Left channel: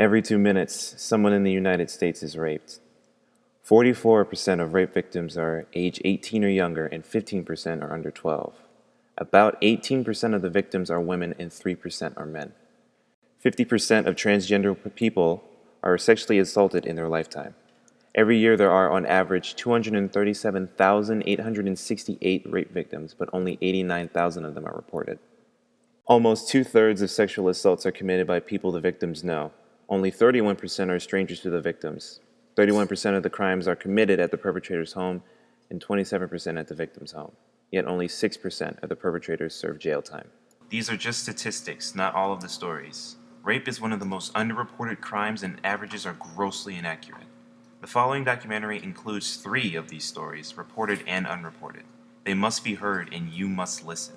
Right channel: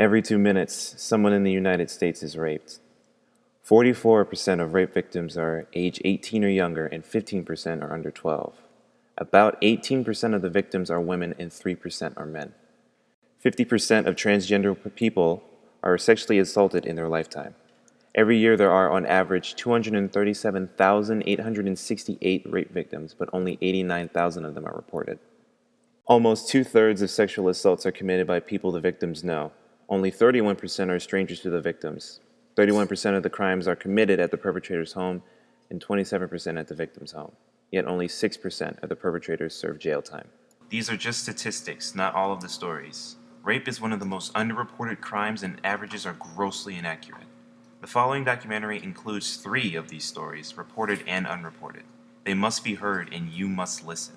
Every 2 minutes, someone in the United States is raped. 44% of rape victims are age 18 or younger, and 15% are under 12. About 18% of the victims are women, and 3% are men. 50% of transgender people are sexually assaulted in their lifetime. Every year there are, on average, 237,868 rape victims, but only 89,000 of them are reported. Almost two-thirds of sexual assaults are committed by people the victims know. Only 31% are strangers to the victims. 31% of the crimes are committed at the perpetrator's home, and 27% at the victim's home. Yet only 6% of the perpetrators serve jail time. These are just statistics, not all of the stories. Rape is one of the most underreported crimes, and averages are grossly inaccurate. The following documentary includes 3 of these stories, reported and unreported. They must be heard, and you must listen.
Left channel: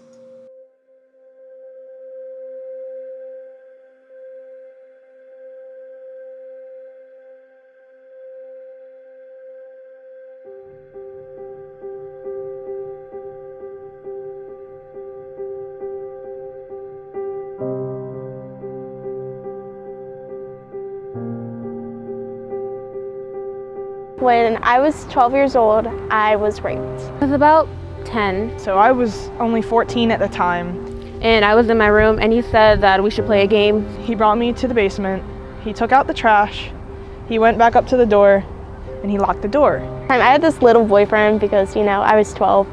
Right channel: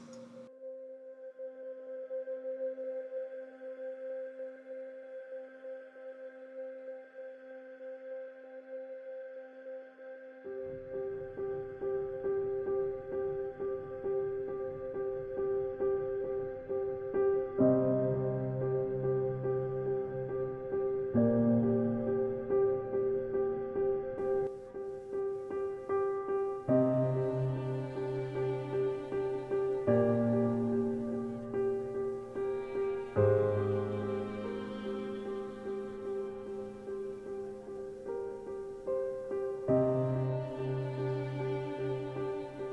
When I was 12 years old, I was raped. I was about 10. So I was only 14 at the time. And I was in my room, and he said that we should play a game. He brought me to the basement. He took out the trash. He went back up to the door, and he locked the door. I had this little boyfriend because, I was 12.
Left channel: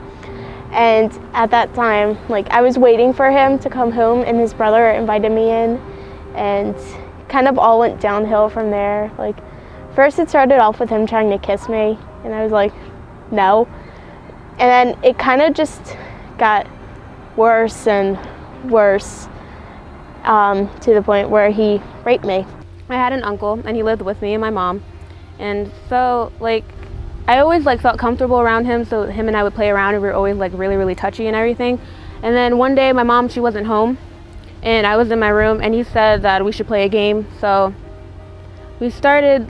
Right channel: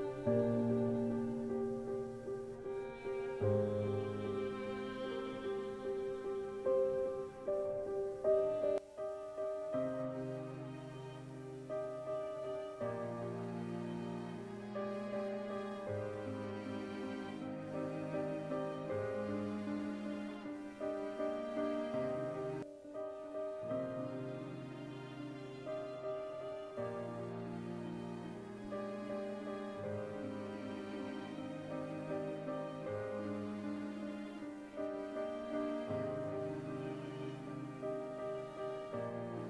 And at that time, I was waiting for him to come home, and his brother invited me in. And kind of all went downhill from there. First it started off with him trying to kiss me, and I was like, no. And then it kind of just got worse and worse to the point where he raped me. I had an uncle, and he lived with me and my mom. And so, I always, felt comfortable around him, so him and I would play around, and we were always, really, really touchy and everything. And then one day, my mom, she wasn't home, and I was in my room, and he said that we should play a game. So we started,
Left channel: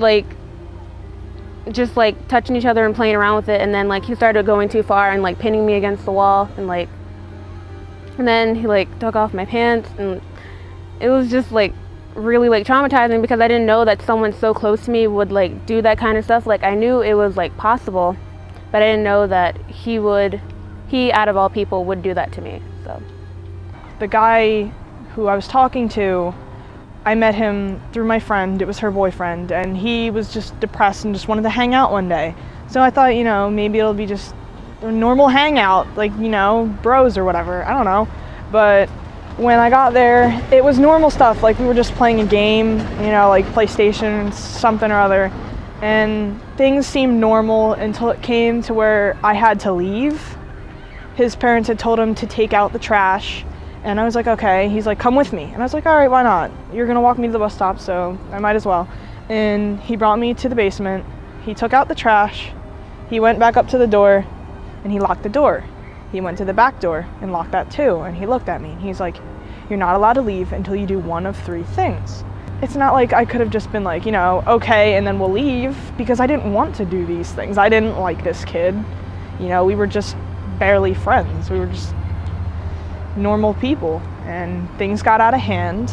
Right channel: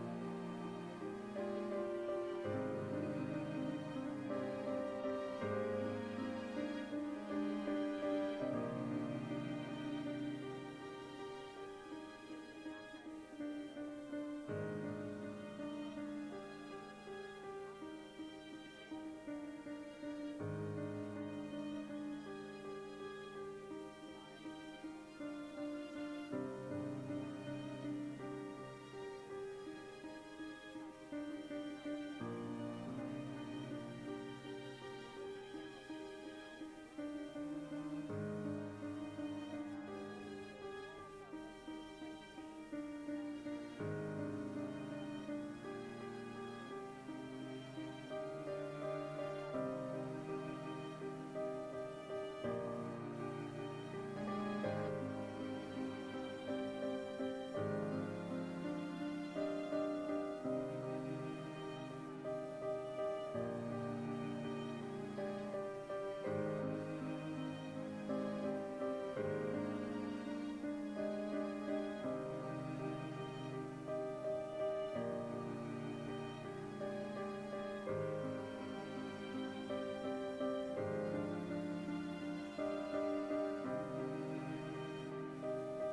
just touching each other and playing around with it, and then he started going too far and pinning me against the wall, and then he took off my pants, and it was just really traumatizing because I didn't know that someone so close to me would do that kind of stuff. I knew it was possible, but I didn't know that he out of all people would do that to me. So the guy who I was talking to, I met him through my friend. It was her boyfriend, and he was just depressed and just wanted to hang out one day. So I thought, maybe it'll be just a normal hangout, bros or whatever, I don't know. But when I got there, it was normal stuff, we were just playing a game, PlayStation, something or other. And things seemed normal until it came to where I had to leave. His parents had told him to take out the trash. And I was like, okay. He's like, come with me. And I was like, all right, why not? You're gonna walk me to the bus stop, so I might as well. And he brought me to the basement. He took out the trash. He went back up to the door, and he locked the door. He went to the back door and locked that too. And he looked at me, and he's like, you're not allowed to leave until you do one of 3 things. It's not like I could have just been okay, and then we'll leave, because I didn't want to do these things. I didn't like this kid. We were just barely friends. We were just normal people, and things got out of hand,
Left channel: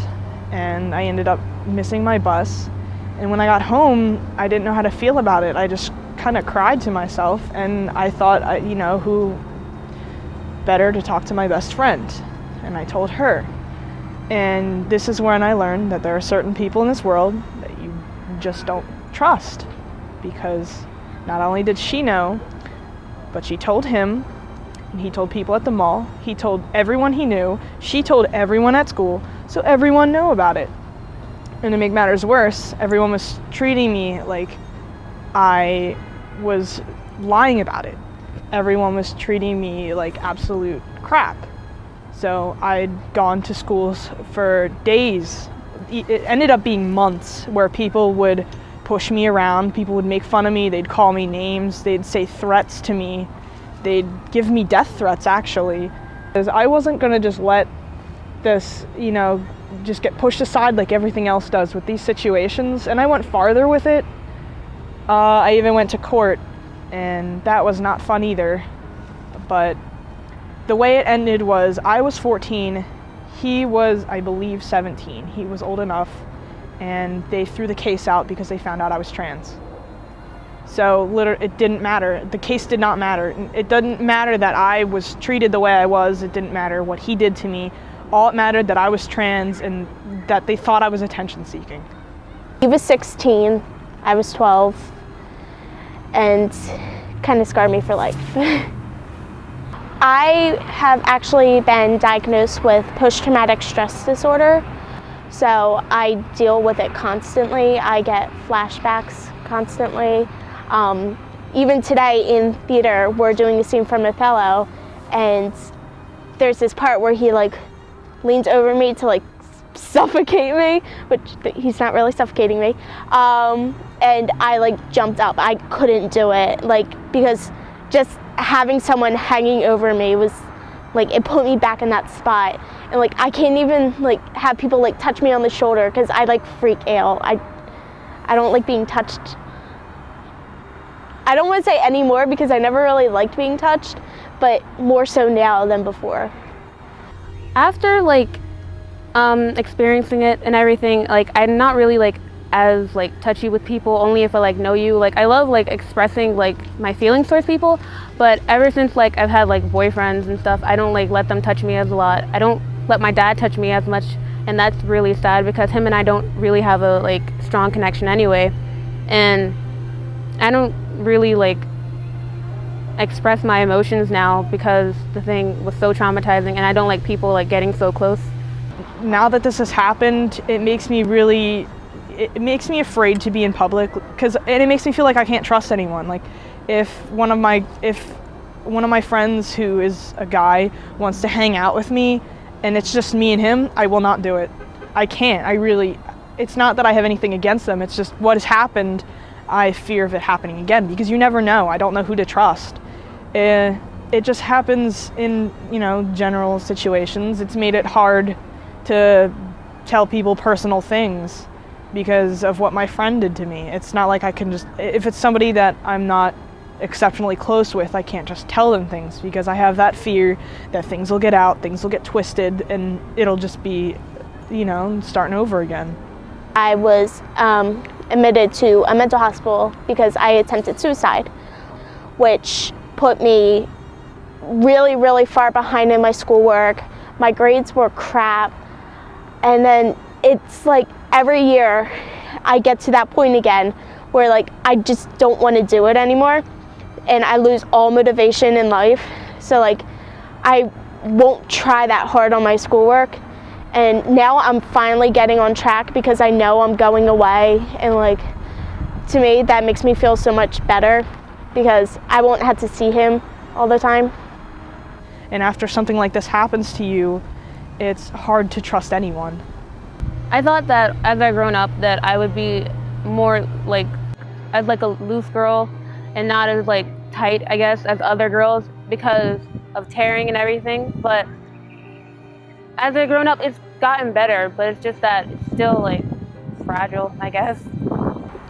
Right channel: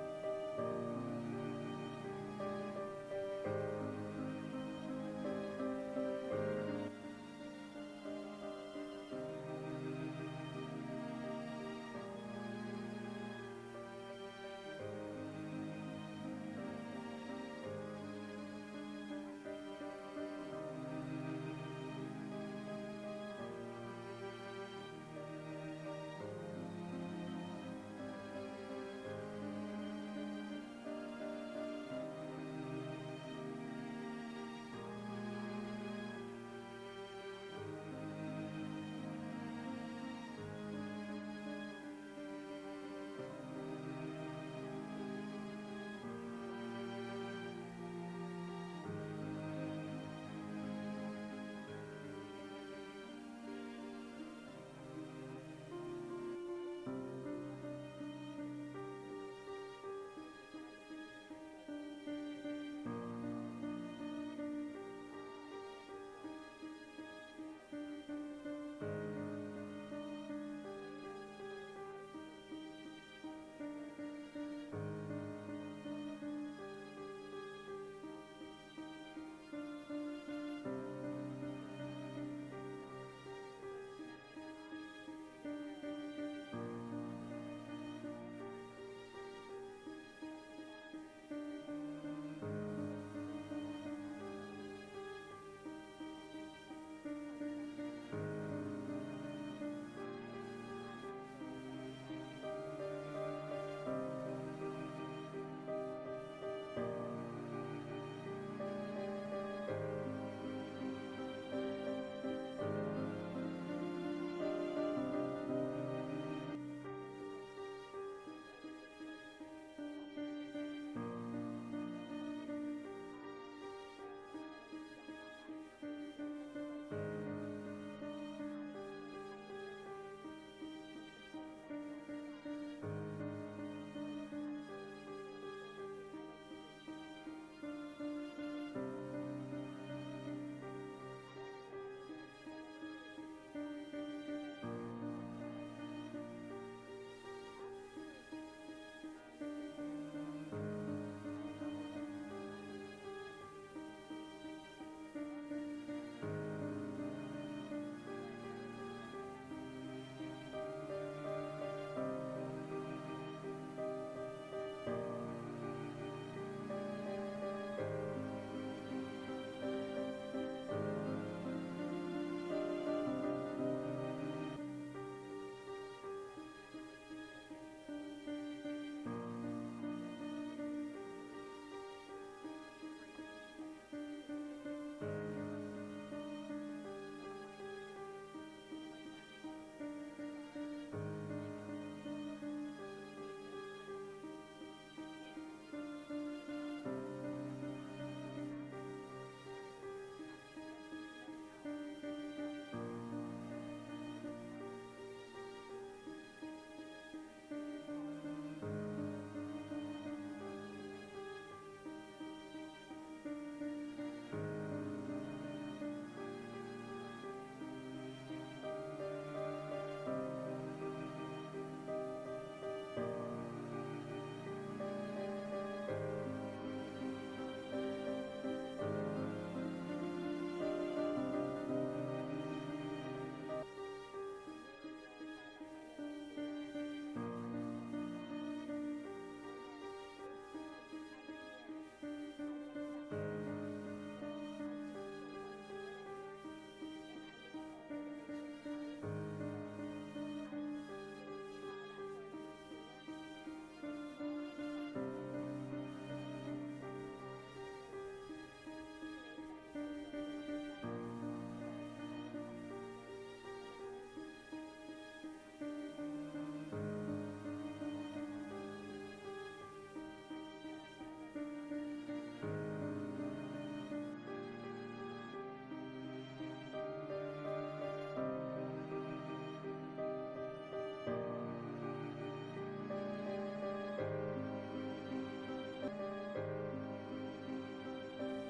and I ended up missing my bus. And when I got home, I didn't know how to feel about it. I just kind of cried to myself, and I thought, who better to talk to my best friend? And I told her. And this is when I learned that there are certain people in this world that you just don't trust, because not only did she know, but she told him, and he told people at the mall, he told everyone he knew, she told everyone at school, so everyone knew about it. And to make matters worse, everyone was treating me like I was lying about it. Everyone was treating me like absolute crap. So I'd gone to schools for days. It ended up being months where people would push me around, people would make fun of me, they'd call me names, they'd say threats to me. They'd give me death threats, actually. Because I wasn't gonna just let this, just get pushed aside like everything else does with these situations. And I went farther with it. I even went to court, and that was not fun either. But the way it ended was I was 14, he was, I believe, 17. He was old enough. and they threw the case out because they found out I was trans. So literally, it didn't matter. The case did not matter. It didn't matter that I was treated the way I was. It didn't matter what he did to me. All it mattered that I was trans and that they thought I was attention seeking. He was 16, I was 12, and kind of scarred me for life. I have actually been diagnosed with post-traumatic stress disorder, so I deal with it constantly. I get flashbacks constantly. Even today in theater, we're doing a scene from Othello, and there's this part where he like leans over me to like suffocate me, which he's not really suffocating me. And I like jumped up. I couldn't do it, like, because just having someone hanging over me was like, it put me back in that spot. And like, I can't even like have people like touch me on the shoulder because I like freak out. I don't like being touched. I don't want to say anymore because I never really liked being touched, but more so now than before. After like experiencing it and everything, like I'm not really like as like touchy with people, only if I like know you. Like I love like expressing like my feelings towards people, but ever since like I've had like boyfriends and stuff, I don't like let them touch me as a lot. I don't let my dad touch me as much, and that's really sad because him and I don't really have a like strong connection anyway, and I don't really like express my emotions now because the thing was so traumatizing, and I don't like people like getting so close. Now that this has happened, it makes me afraid to be in public, and it makes me feel like I can't trust anyone. Like if one of my friends who is a guy wants to hang out with me and it's just me and him, I will not do it. I can't. It's not that I have anything against them, it's just what has happened. I fear of it happening again because you never know. I don't know who to trust. It just happens in, general situations. It's made it hard to tell people personal things because of what my friend did to me. It's not like I can just, if it's somebody that I'm not exceptionally close with, I can't just tell them things because I have that fear that things will get out, things will get twisted, and it'll just be, starting over again. I was admitted to a mental hospital because I attempted suicide, which put me really, really far behind in my schoolwork. My grades were crap. And then it's like every year I get to that point again where like I just don't want to do it anymore and I lose all motivation in life. So like I won't try that hard on my schoolwork. And now I'm finally getting on track because I know I'm going away, and like to me that makes me feel so much better because I won't have to see him all the time. And after something like this happens to you, it's hard to trust anyone. I thought that as I grown up that I would be more like as like a loose girl and not as like tight, I guess, as other girls because of tearing and everything. But as I've grown up, it's gotten better, but it's just that it's still like fragile, I guess.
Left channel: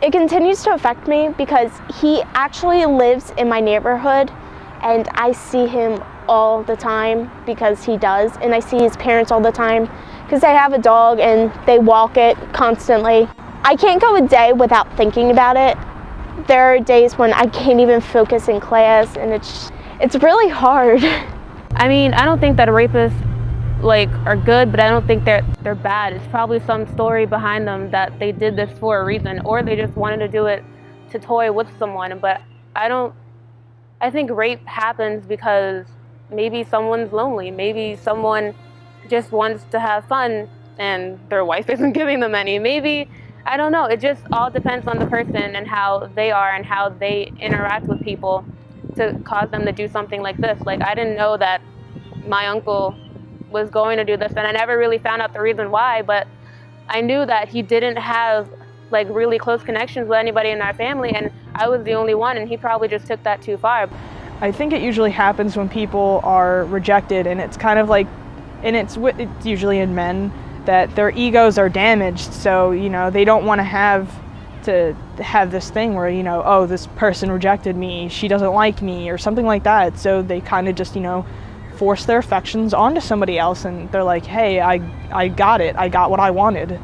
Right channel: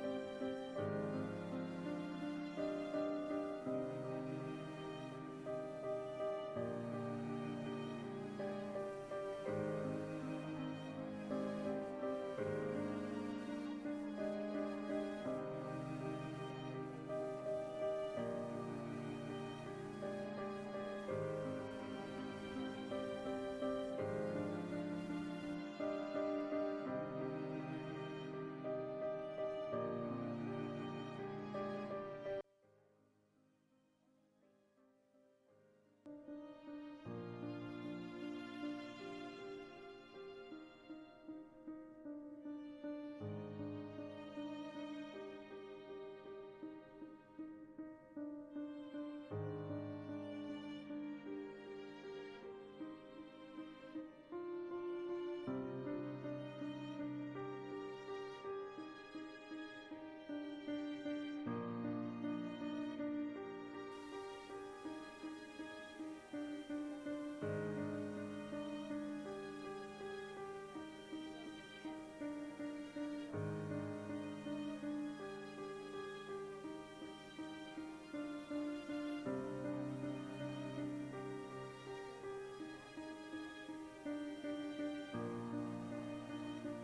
It continues to affect me because he actually lives in my neighborhood and I see him all the time because he does, and I see his parents all the time because they have a dog and they walk it constantly. I can't go a day without thinking about it. There are days when I can't even focus in class, and it's really hard. I mean, I don't think that rapists like are good, but I don't think they're bad. It's probably some story behind them that they did this for a reason, or they just wanted to do it to toy with someone. But I think rape happens because maybe someone's lonely, maybe someone just wants to have fun and their wife isn't giving them any. Maybe, I don't know, it just all depends on the person and how they are and how they interact with people to cause them to do something like this. Like I didn't know that my uncle was going to do this, and I never really found out the reason why, but I knew that he didn't have like really close connections with anybody in our family, and I was the only one, and he probably just took that too far. I think it usually happens when people are rejected, and it's kind of like, and it's usually in men, that their egos are damaged, so they don't want to have this thing where oh, this person rejected me, she doesn't like me, or something like that. So they kind of just force their affections onto somebody else, and they're like, hey, I got it, I got what I wanted.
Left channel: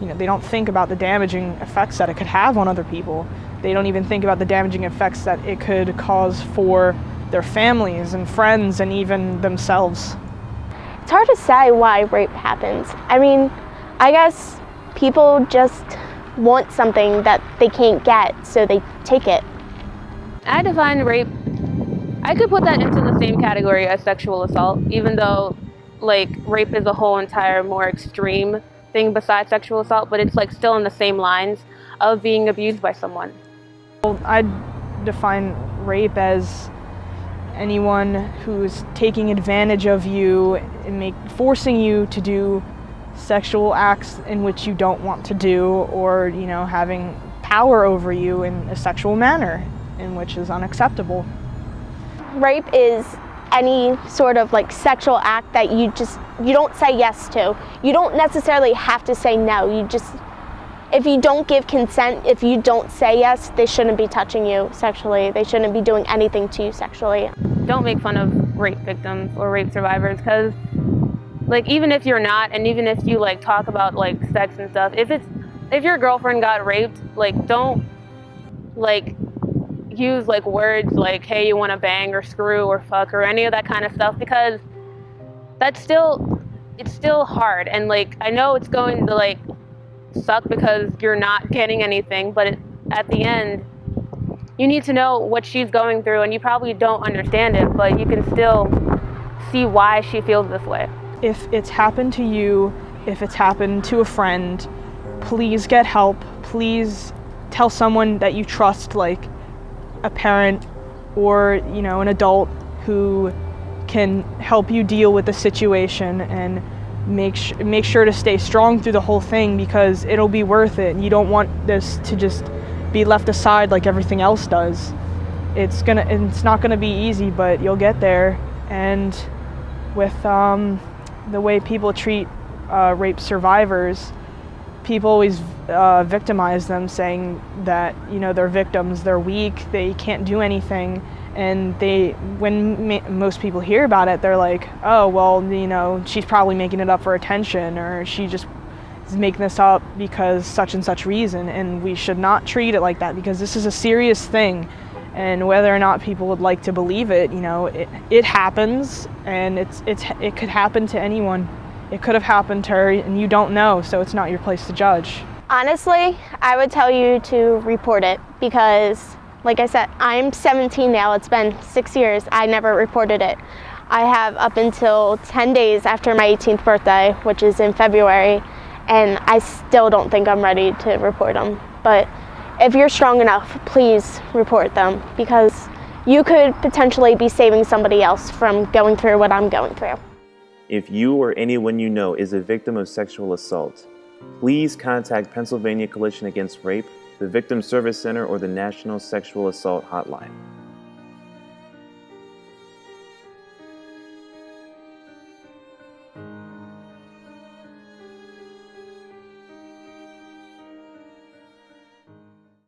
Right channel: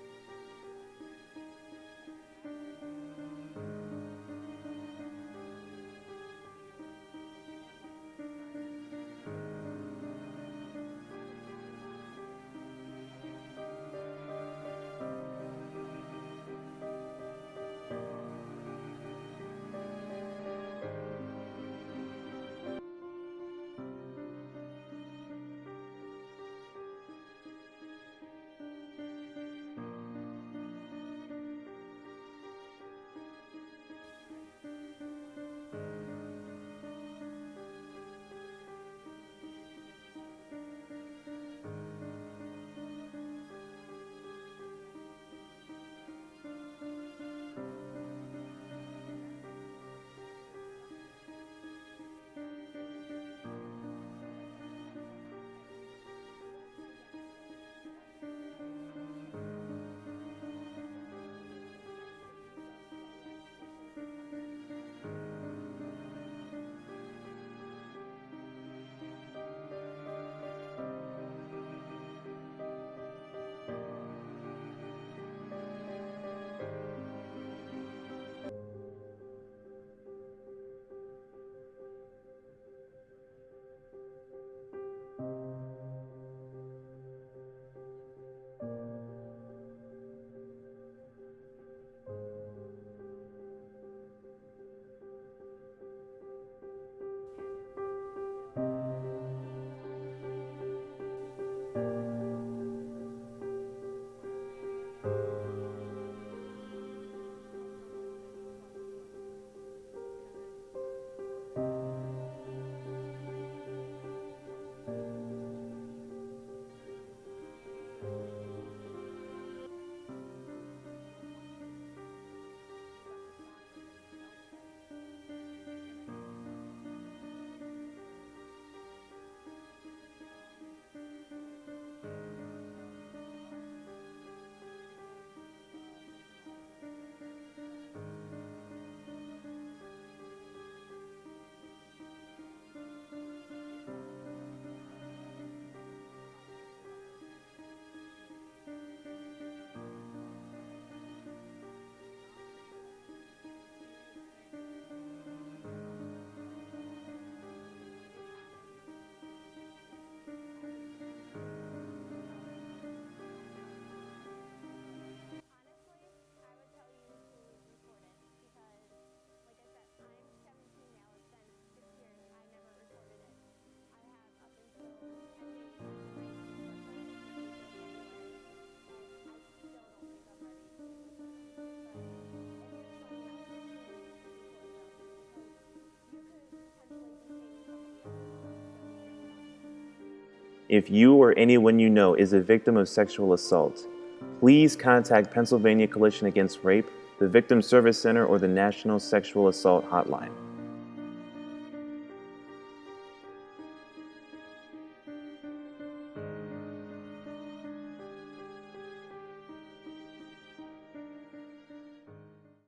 they don't think about the damaging effects that it could have on other people. They don't even think about the damaging effects that it could cause for their families and friends and even themselves. It's hard to say why rape happens. I mean, I guess people just want something that they can't get, so they take it. I define rape, I could put that into the same category as sexual assault, even though like rape is a whole entire more extreme thing besides sexual assault, but it's like still in the same lines of being abused by someone. I'd define rape as anyone who's taking advantage of you and forcing you to do sexual acts in which you don't want to do, or having power over you in a sexual manner in which is unacceptable. Rape is any sort of like sexual act that you don't say yes to. You don't necessarily have to say no. If you don't give consent, if you don't say yes, they shouldn't be touching you sexually. They shouldn't be doing anything to you sexually. Don't make fun of rape victims or rape survivors, because like even if you're not, and even if you like talk about like sex and stuff, if your girlfriend got raped, like don't like use like words like, hey, you want to bang or screw or fuck or any of that kind of stuff, because it's still hard. And like I know it's going to like suck because you're not getting anything, but at the end you need to know what she's going through, and you probably don't understand it, but you can still see why she feels this way. If it's happened to you, if it's happened to a friend, please get help. Please tell someone that you trust, like a parent or an adult who can help you deal with the situation, and make sure to stay strong through the whole thing, because it'll be worth it. You don't want this to just be left aside like everything else does. It's not gonna be easy, but you'll get there. And with the way people treat rape survivors, people always victimize them, saying that they're victims, they're weak, they can't do anything. And when most people hear about it, they're like, oh, well, she's probably making it up for attention, or she just is making this up because such and such reason. And we should not treat it like that, because this is a serious thing. And whether or not people would like to believe it, it happens, and it could happen to anyone. It could have happened to her, and you don't know, so it's not your place to judge. Honestly, I would tell you to report it, because like I said, I'm 17 now. It's been 6 years. I never reported it. I have up until 10 days after my 18th birthday, which is in February, and I still don't think I'm ready to report them. But if you're strong enough, please report them, because you could potentially be saving somebody else from going through what I'm going through. If you or anyone you know is a victim of sexual assault, please contact Pennsylvania Coalition Against Rape, the Victim Service Center, or the National Sexual Assault Hotline.